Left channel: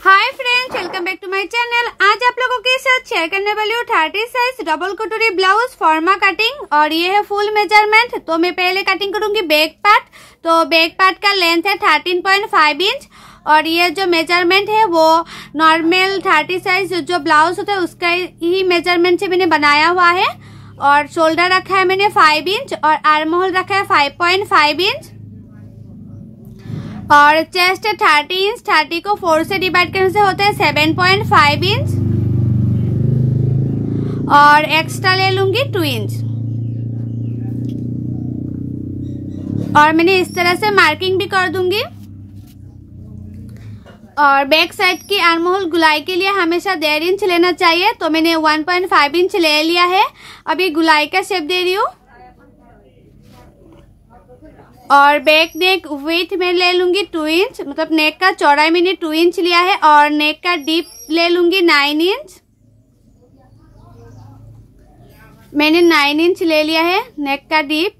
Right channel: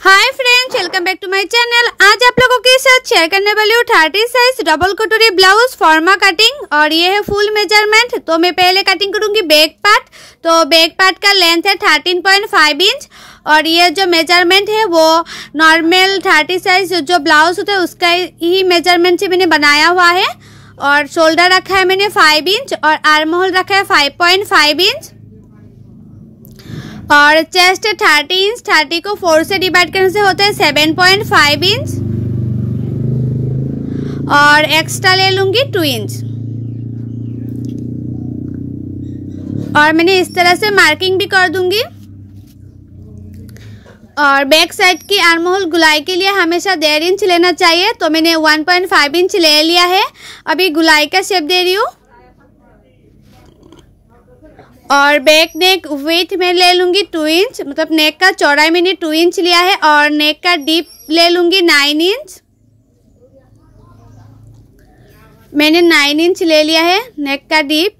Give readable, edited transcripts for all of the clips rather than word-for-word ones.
Hi friends, welcome back to my channel. आज आप लोगों के साथ शेयर करने वाली हूँ 30 साइज डबल कटोरी ब्लाउज फॉर्मा कटिंग और ये है फुल मेजरमेंट। तो मैं पहले कटिंग करूंगी बैक पार्ट। तो बैक पार्ट का लेंथ है 13.5 इंच और ये जो मेजरमेंट है वो नॉर्मल 30 साइज जो ब्लाउज होता है उसका ही मेजरमेंट से मैंने बनाया हुआ है। और शोल्डर रखा है मैंने 5 इंच और आर्म होल रखा है 5.5 इंच और चेस्ट 30 इंच। 30 को 4 से डिवाइड करने से होता है 7.5 इंच और एक्स्ट्रा ले लूंगी 2 इंच। और मैंने इस तरह से मार्किंग भी कर दूंगी। और बैक साइड की आर्म होल गुलाई के लिए हमेशा 1.5 इंच लेना चाहिए। तो मैंने 1.5 इंच ले लिया है। अभी गुलाई का शेप दे रही हूँ। और बैक नेक विड्थ में ले लूंगी 2 इंच, मतलब नेक का चौड़ाई मैंने 2 इंच लिया है और नेक का डीप ले लूंगी 9 इंच। मैंने 9 इंच ले लिया है नेक का डीप।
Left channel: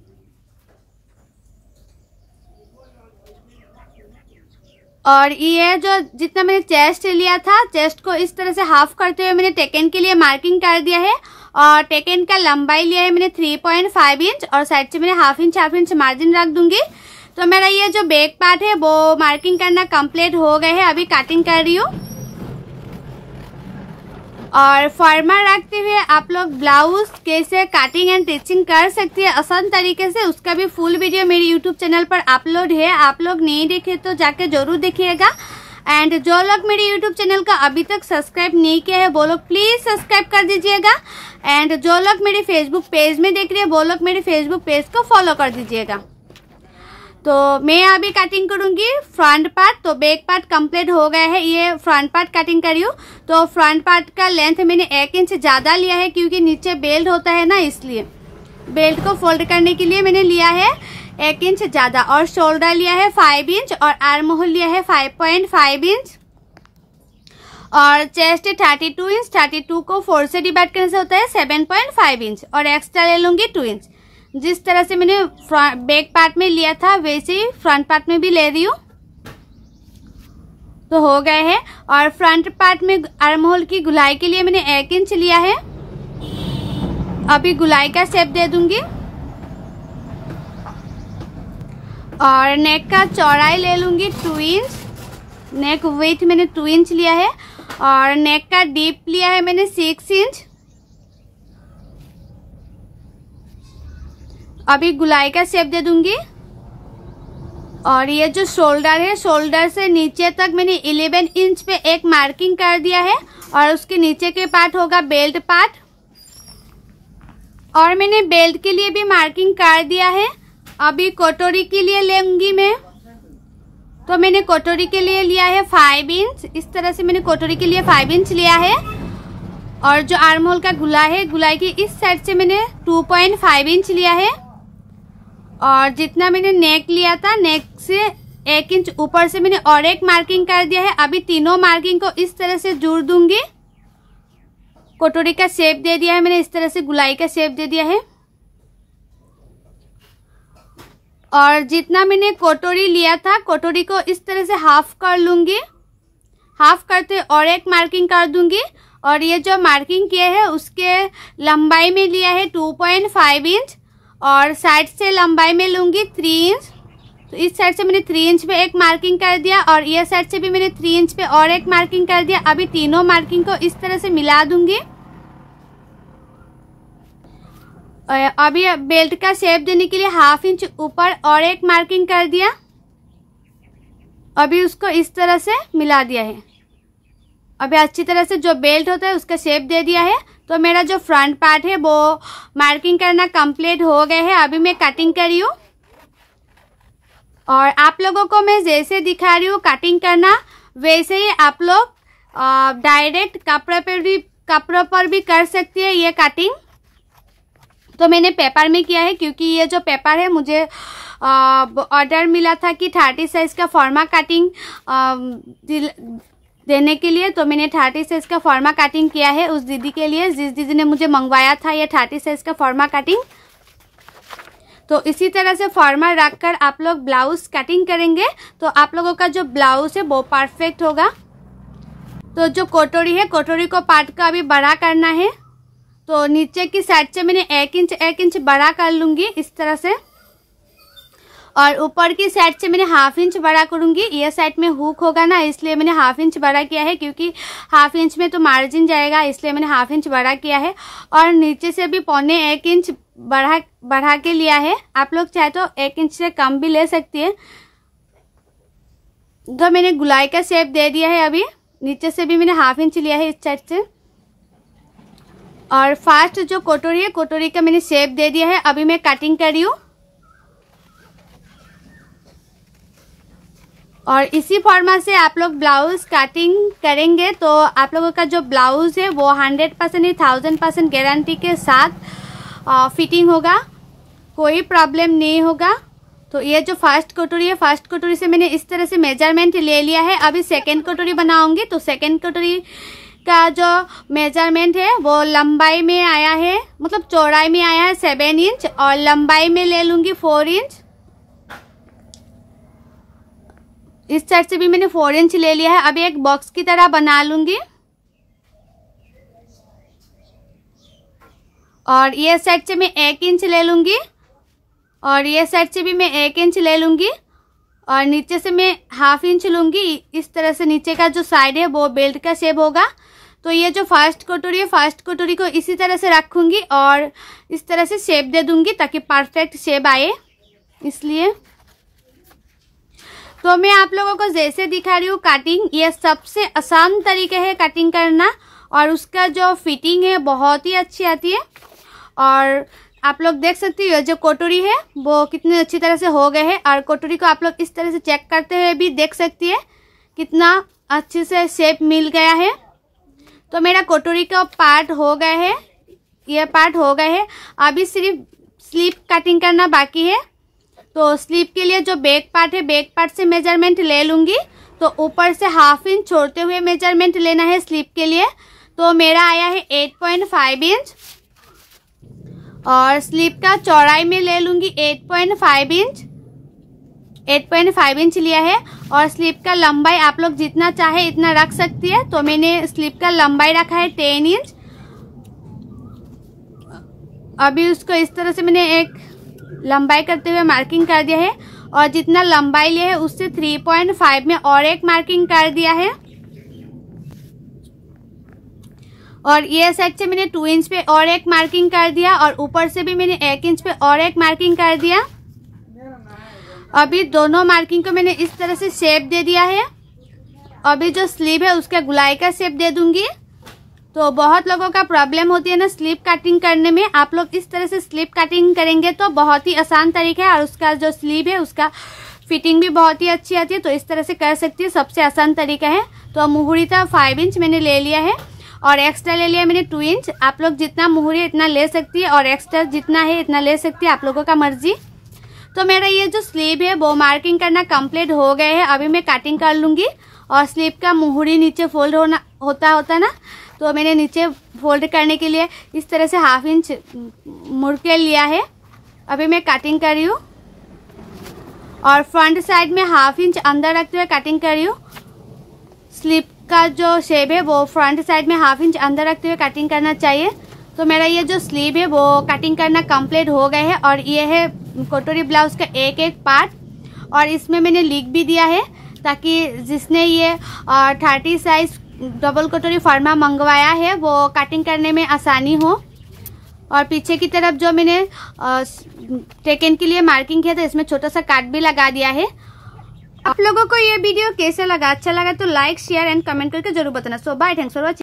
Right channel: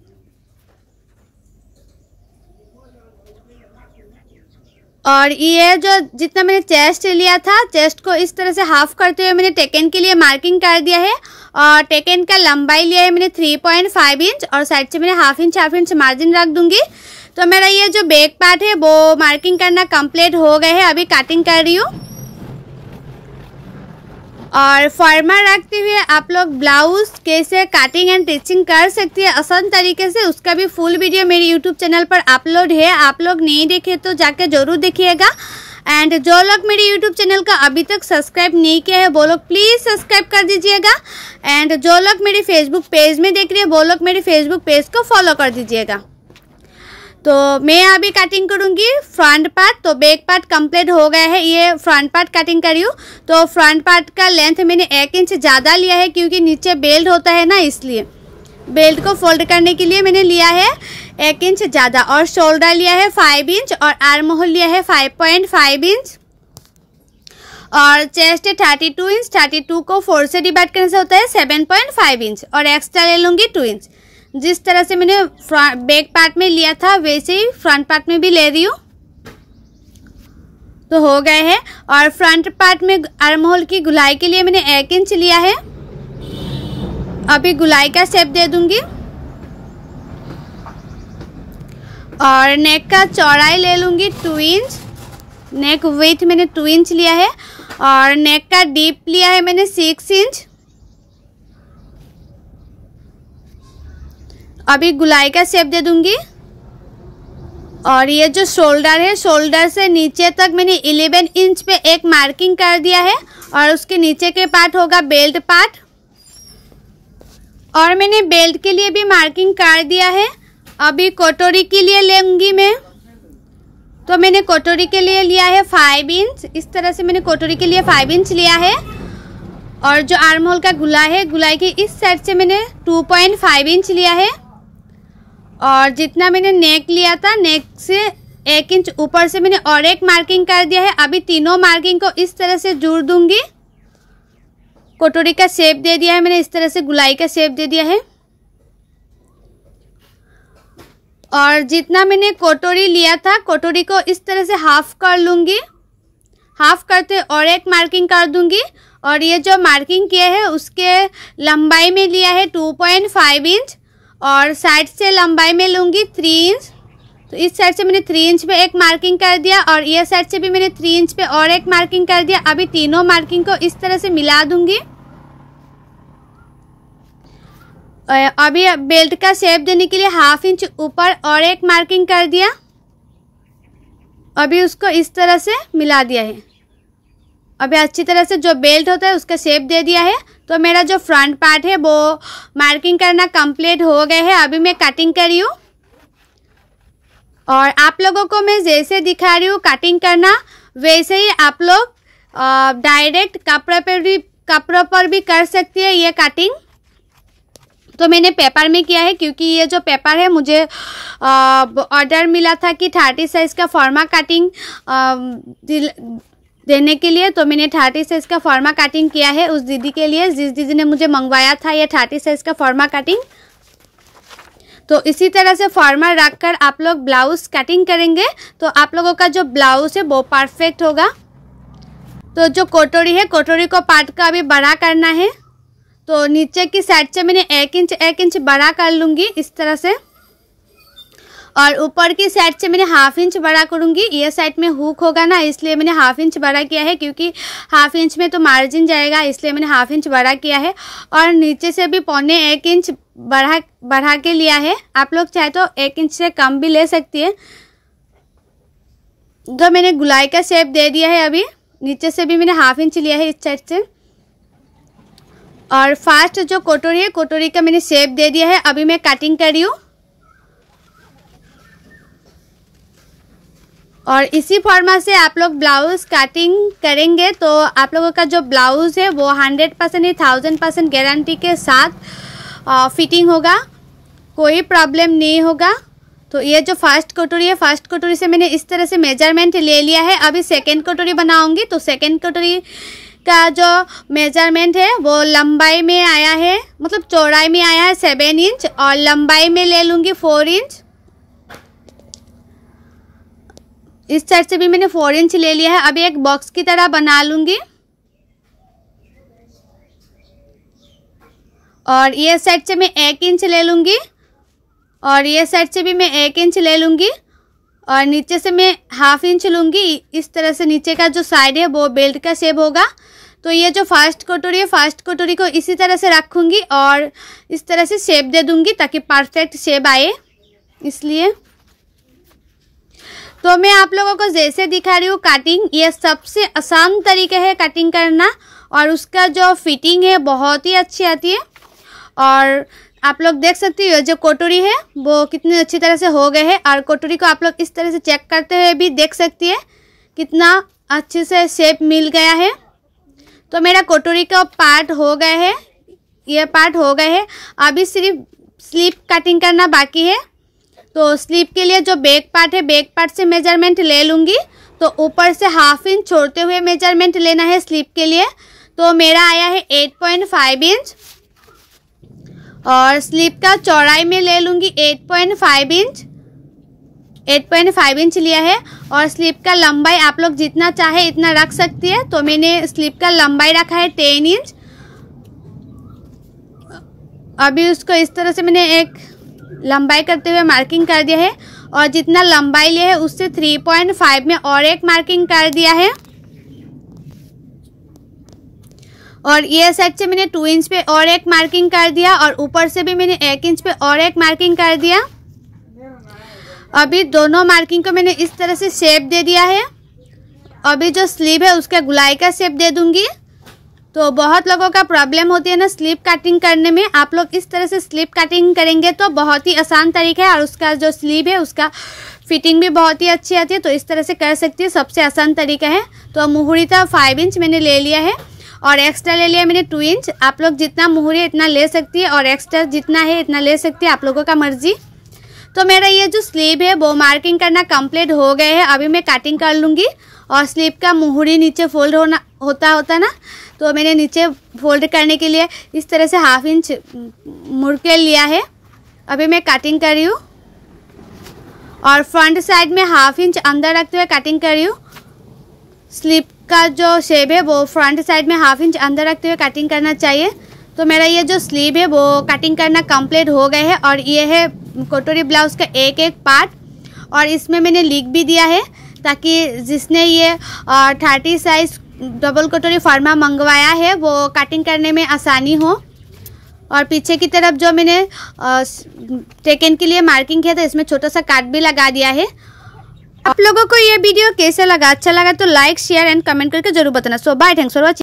और ये जो जितना मैंने चेस्ट लिया था, चेस्ट को इस तरह से हाफ करते हुए मैंने टेकन के लिए मार्किंग कर दिया है। और टेकन का लंबाई लिया है मैंने 3.5 इंच और साइड से मैंने हाफ इंच मार्जिन रख दूंगी। तो मेरा ये जो बैक पार्ट है वो मार्किंग करना कंप्लीट हो गया है। अभी कटिंग कर रही हूँ। और फॉर्मा रखते हुए आप लोग ब्लाउज कैसे कटिंग एंड स्टिचिंग कर सकती है आसान तरीके से, उसका भी फुल वीडियो मेरे यूट्यूब चैनल पर अपलोड है। आप लोग नहीं देखे तो जाके जरूर देखिएगा। एंड जो लोग मेरे यूट्यूब चैनल का अभी तक सब्सक्राइब नहीं किया है वो लोग प्लीज सब्सक्राइब कर दीजिएगा। एंड जो लोग मेरे फेसबुक पेज में देख रहे हैं वो लोग मेरे फेसबुक पेज को फॉलो कर दीजिएगा। तो मैं अभी कटिंग करूंगी फ्रंट पार्ट। तो बैक पार्ट कंप्लीट हो गया है, ये फ्रंट पार्ट कटिंग करी हूँ। तो फ्रंट पार्ट का लेंथ मैंने 1 इंच ज़्यादा लिया है क्योंकि नीचे बेल्ट होता है ना, इसलिए बेल्ट को फोल्ड करने के लिए मैंने लिया है 1 इंच ज़्यादा। और शोल्डर लिया है 5 इंच और आर्म होल लिया है 5.5 इंच और चेस्ट 32 इंच। 32 को 4 से डिवाइड करने से होता है 7.5 इंच और एक्स्ट्रा ले लूंगी 2 इंच। जिस तरह से मैंने बैक पार्ट में लिया था वैसे ही फ्रंट पार्ट में भी ले रही हूँ। तो हो गए हैं। और फ्रंट पार्ट में आर्म होल की गुलाई के लिए मैंने 1 इंच लिया है। अभी गुलाई का शेप दे दूंगी। और नेक का चौड़ाई ले लूंगी 2 इंच। नेक विड्थ मैंने 2 इंच लिया है और नेक का डीप लिया है मैंने 6 इंच। अभी गुलाई का शेप दे दूंगी। और ये जो शोल्डर है, शोल्डर से नीचे तक मैंने 11 इंच पे एक मार्किंग कर दिया है और उसके नीचे के पार्ट होगा बेल्ट पार्ट। और मैंने बेल्ट के लिए भी मार्किंग कर दिया है। अभी कटोरी के लिए लेंगी मैं। तो मैंने कटोरी के लिए लिया है 5 इंच। इस तरह से मैंने कटोरी के लिए 5 इंच लिया है। और जो आर्म होल का गुलाई है, गुलाई की इस साइड से मैंने 2.5 इंच लिया है। और जितना मैंने नेक लिया था, नेक से 1 इंच ऊपर से मैंने और एक मार्किंग कर दिया है। अभी तीनों मार्किंग को इस तरह से जोड़ दूंगी। कटोरी का शेप दे दिया है मैंने, इस तरह से गुलाई का शेप दे दिया है। और जितना मैंने कटोरी लिया था, कटोरी को इस तरह से हाफ कर लूंगी। हाफ करते और एक मार्किंग कर दूंगी। और ये जो मार्किंग किया है उसके लंबाई में लिया है 2.5 इंच और साइड से लंबाई में लूंगी 3 इंच। तो इस साइड से मैंने 3 इंच पे एक मार्किंग कर दिया और ये साइड से भी मैंने 3 इंच पे और एक मार्किंग कर दिया। अभी तीनों मार्किंग को इस तरह से मिला दूंगी। अभी बेल्ट का शेप देने के लिए हाफ इंच ऊपर और एक मार्किंग कर दिया। अभी उसको इस तरह से मिला दिया है। अभी अच्छी तरह से जो बेल्ट होता है उसका शेप दे दिया है। तो मेरा जो फ्रंट पार्ट है वो मार्किंग करना कंप्लीट हो गया है। अभी मैं कटिंग कर रही हूँ। और आप लोगों को मैं जैसे दिखा रही हूँ कटिंग करना, वैसे ही आप लोग डायरेक्ट कपड़ों पर भी कर सकती है ये कटिंग। तो मैंने पेपर में किया है क्योंकि ये जो पेपर है मुझे ऑर्डर मिला था कि 30 साइज का फॉर्मा कटिंग देने के लिए। तो मैंने 30 साइज का फॉर्मा कटिंग किया है उस दीदी के लिए, जिस दीदी ने मुझे मंगवाया था ये 30 साइज का फॉर्मा कटिंग। तो इसी तरह से फॉर्मल रखकर आप लोग ब्लाउज कटिंग करेंगे तो आप लोगों का जो ब्लाउज है वो परफेक्ट होगा। तो जो कटोरी है, कटोरी को पार्ट का अभी बड़ा करना है। तो नीचे की साइड से मैंने 1 इंच बड़ा कर लूँगी इस तरह से, और ऊपर की साइड से मैंने 1/2 इंच बड़ा करूँगी। ये साइड में हुक होगा ना, इसलिए मैंने 1/2 इंच बड़ा किया है, क्योंकि 1/2 इंच में तो मार्जिन जाएगा, इसलिए मैंने 1/2 इंच बड़ा किया है। और नीचे से भी 1.25 इंच बढ़ा के लिया है। आप लोग चाहे तो 1 इंच से कम भी ले सकती है। तो मैंने गुलाई का शेप दे दिया है। अभी नीचे से भी मैंने 1/2 इंच लिया है इस साइड से, और फर्स्ट जो कटोरी है, कटोरी का मैंने शेप दे दिया है। अभी मैं कटिंग कर रही हूँ, और इसी फॉर्मेट से आप लोग ब्लाउज कटिंग करेंगे तो आप लोगों का जो ब्लाउज है वो 100% ही 1000% गारंटी के साथ फिटिंग होगा, कोई प्रॉब्लम नहीं होगा। तो ये जो फर्स्ट कटोरी है, फर्स्ट कटोरी से मैंने इस तरह से मेजरमेंट ले लिया है। अभी सेकंड कटोरी बनाऊंगी, तो सेकंड कटोरी का जो मेजरमेंट है वो लंबाई में आया है, मतलब चौड़ाई में आया है 7 इंच, और लंबाई में ले लूँगी 4 इंच। इस साइड से भी मैंने 4 इंच ले लिया है। अभी एक बॉक्स की तरह बना लूँगी, और ये साइड से मैं 1 इंच ले लूँगी, और ये साइड से भी मैं 1 इंच ले लूँगी, और नीचे से मैं 1/2 इंच लूँगी। इस तरह से नीचे का जो साइड है वो बेल्ट का शेप होगा। तो ये जो फर्स्ट कटोरी है, फर्स्ट कटोरी को इसी तरह से रखूँगी और इस तरह से शेप दे दूँगी ताकि परफेक्ट शेप आए। इसलिए तो मैं आप लोगों को जैसे दिखा रही हूँ कटिंग, ये सबसे आसान तरीका है कटिंग करना, और उसका जो फिटिंग है बहुत ही अच्छी आती है। और आप लोग देख सकती हो जो कटोरी है वो कितनी अच्छी तरह से हो गए हैं, और कटोरी को आप लोग इस तरह से चेक करते हुए भी देख सकती है कितना अच्छे से शेप मिल गया है। तो मेरा कटोरी का पार्ट हो गए है, ये पार्ट हो गए हैं। अभी सिर्फ स्लीव कटिंग करना बाकी है। तो स्लीव के लिए जो बैक पार्ट है, बैक पार्ट से मेजरमेंट ले लूँगी। तो ऊपर से 1/2 इंच छोड़ते हुए मेजरमेंट लेना है स्लीव के लिए। तो मेरा आया है 8.5 इंच, और स्लीव का चौड़ाई में ले लूँगी 8.5 इंच। 8.5 इंच लिया है, और स्लीव का लंबाई आप लोग जितना चाहे इतना रख सकती है। तो मैंने स्लीव का लंबाई रखा है 10 इंच। अभी उसको इस तरह से मैंने एक लंबाई करते हुए मार्किंग कर दिया है, और जितना लंबाई लिया है उससे 3.5 में और एक मार्किंग कर दिया है। और ये साइड से मैंने 2 इंच पे और एक मार्किंग कर दिया, और ऊपर से भी मैंने 1 इंच पे और एक मार्किंग कर दिया। अभी दोनों मार्किंग को मैंने इस तरह से शेप दे दिया है। अभी जो स्लीव है उसका गुलाई का शेप दे दूंगी। तो बहुत लोगों का प्रॉब्लम होती है ना स्लीव कटिंग करने में। आप लोग इस तरह से स्लीव कटिंग करेंगे तो बहुत ही आसान तरीका है, और उसका जो स्लीव है उसका फिटिंग भी बहुत ही अच्छी आती है। तो इस तरह से कर सकती है, सबसे आसान तरीका है। तो मुहूरी था 5 इंच मैंने ले लिया है, और एक्स्ट्रा ले लिया मैंने 2 इंच। आप लोग जितना मुहूरी इतना ले सकती है, और एक्स्ट्रा जितना है इतना ले सकती है, आप लोगों का मर्जी। तो मेरा ये जो स्लीव है वो मार्किंग करना कंप्लीट हो गए है। अभी मैं कटिंग कर लूँगी, और स्लीव का मुहूरी नीचे फोल्ड होता ना, तो मैंने नीचे फोल्ड करने के लिए इस तरह से 1/2 इंच मुड़ के लिया है। अभी मैं कटिंग कर रही हूँ, और फ्रंट साइड में 1/2 इंच अंदर रखते हुए कटिंग कर रही हूँ। स्लीव का जो शेप है वो फ्रंट साइड में 1/2 इंच अंदर रखते हुए कटिंग करना चाहिए। तो मेरा ये जो स्लीव है वो कटिंग करना कंप्लीट हो गए है, और ये है कटोरी ब्लाउज का एक पार्ट। और इसमें मैंने लिख भी दिया है ताकि जिसने ये 30 साइज डबल कटोरी फर्मा मंगवाया है वो कटिंग करने में आसानी हो। और पीछे की तरफ जो मैंने टेकन के लिए मार्किंग किया था इसमें छोटा सा काट भी लगा दिया है। आप लोगों को ये वीडियो कैसे लगा, अच्छा लगा तो लाइक शेयर एंड कमेंट करके जरूर बताना। सो बाय, थैंक्स फॉर वॉचिंग।